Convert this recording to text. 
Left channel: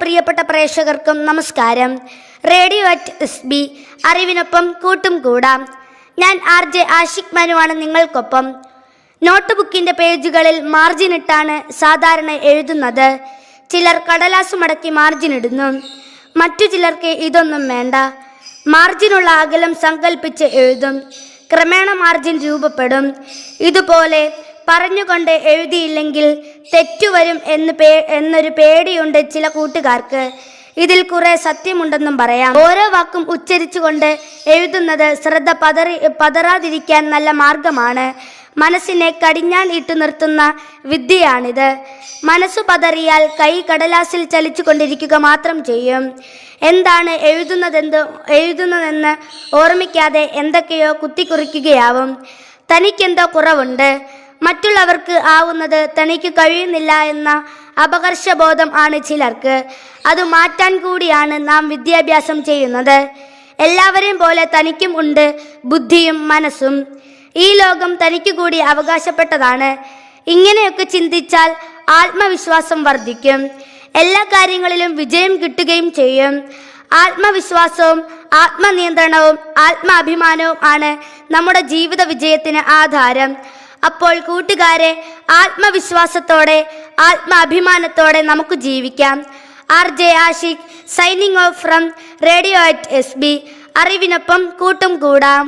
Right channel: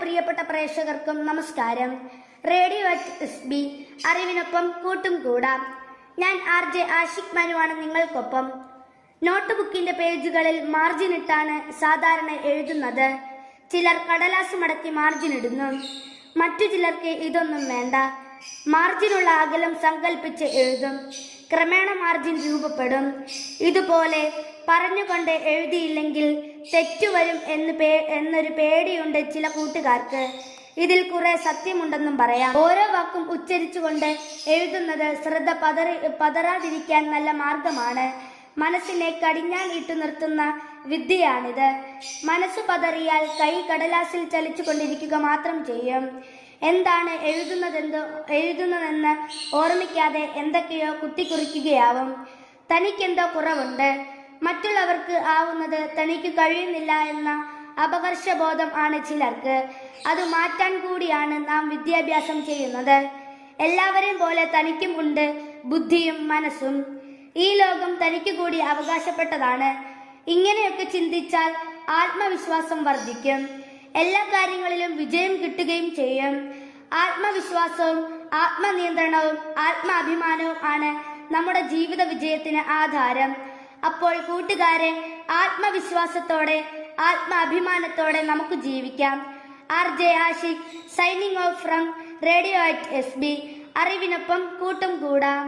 പ്രിയപ്പെട്ട പ്രേക്ഷകർക്കും നമസ്കാരം. റേഡിയോ അറ്റ് എസ് ബി അറിവിനൊപ്പം കൂട്ടും കൂടാം. ഞാൻ ആർ ജെ ആഷിഖ് മനുവാണ് നിങ്ങൾക്കൊപ്പം. നോട്ട് ബുക്കിന്റെ പേജുകളിൽ മാർജിൻ ഇട്ടാണ് സാധാരണ എഴുതുന്നത്. ചിലർ കടലാസ് മടക്കി മാർജിൻ ഇടുന്നു. മറ്റു ചിലർക്ക് ഇതൊന്നും വേണ്ട. മാർജിനുള്ള അകലം സങ്കല്പിച്ച് എഴുതും. ക്രമേണ മാർജിൻ രൂപപ്പെടും. ഇതുപോലെ പറഞ്ഞുകൊണ്ട് എഴുതിയില്ലെങ്കിൽ തെറ്റുവരും എന്ന് പേ എന്നൊരു പേടിയുണ്ട് ചില കൂട്ടുകാർക്ക്. ഇതിൽ കുറെ സത്യമുണ്ടെന്നും പറയാം. ഓരോ വാക്കും ഉച്ചരിച്ചുകൊണ്ട് എഴുതുന്നത് ശ്രദ്ധ പതറി പതറാതിരിക്കാൻ നല്ല മാർഗമാണ്. മനസ്സിനെ കടിഞ്ഞാൻ ഇട്ടു നിർത്തുന്ന വിദ്യയാണിത്. മനസ്സു പതറിയാൽ കൈ കടലാസിൽ ചലിച്ചു കൊണ്ടിരിക്കുക മാത്രം ചെയ്യും. എന്താണ് എഴുതുന്നതെന്ത് എഴുതുന്നതെന്ന് ഓർമ്മിക്കാതെ എന്തൊക്കെയോ കുത്തിക്കുറിക്കുകയാവും. തനിക്കെന്തോ കുറവുണ്ട്. മറ്റുള്ളവർക്ക് ആവുന്നത് തനിക്ക് കഴിയുന്നില്ല എന്ന അപകർഷബോധം ആണ് ചിലർക്ക്. അത് മാറ്റാൻ കൂടിയാണ് നാം വിദ്യാഭ്യാസം ചെയ്യുന്നത്. എല്ലാവരെയും പോലെ തനിക്കും ഉണ്ട് ബുദ്ധിയും മനസ്സും. ഈ ലോകം തനിക്ക് കൂടി അവകാശപ്പെട്ടതാണ്. ഇങ്ങനെയൊക്കെ ചിന്തിച്ചാൽ ആത്മവിശ്വാസം വർദ്ധിക്കും. എല്ലാ കാര്യങ്ങളിലും വിജയം കിട്ടുകയും ചെയ്യും. ആത്മവിശ്വാസവും ആത്മനിയന്ത്രണവും ആത്മാഭിമാനവും ആണ് നമ്മുടെ ജീവിത വിജയത്തിന് ആധാരം. അപ്പോൾ കൂട്ടുകാരെ ആത്മവിശ്വാസത്തോടെ ആത്മാഭിമാനത്തോടെ നമുക്ക് ജീവിക്കാം. R J Ashiq signing off from radio at S B. അറിവിനൊപ്പം കൂട്ടും കൂടാം.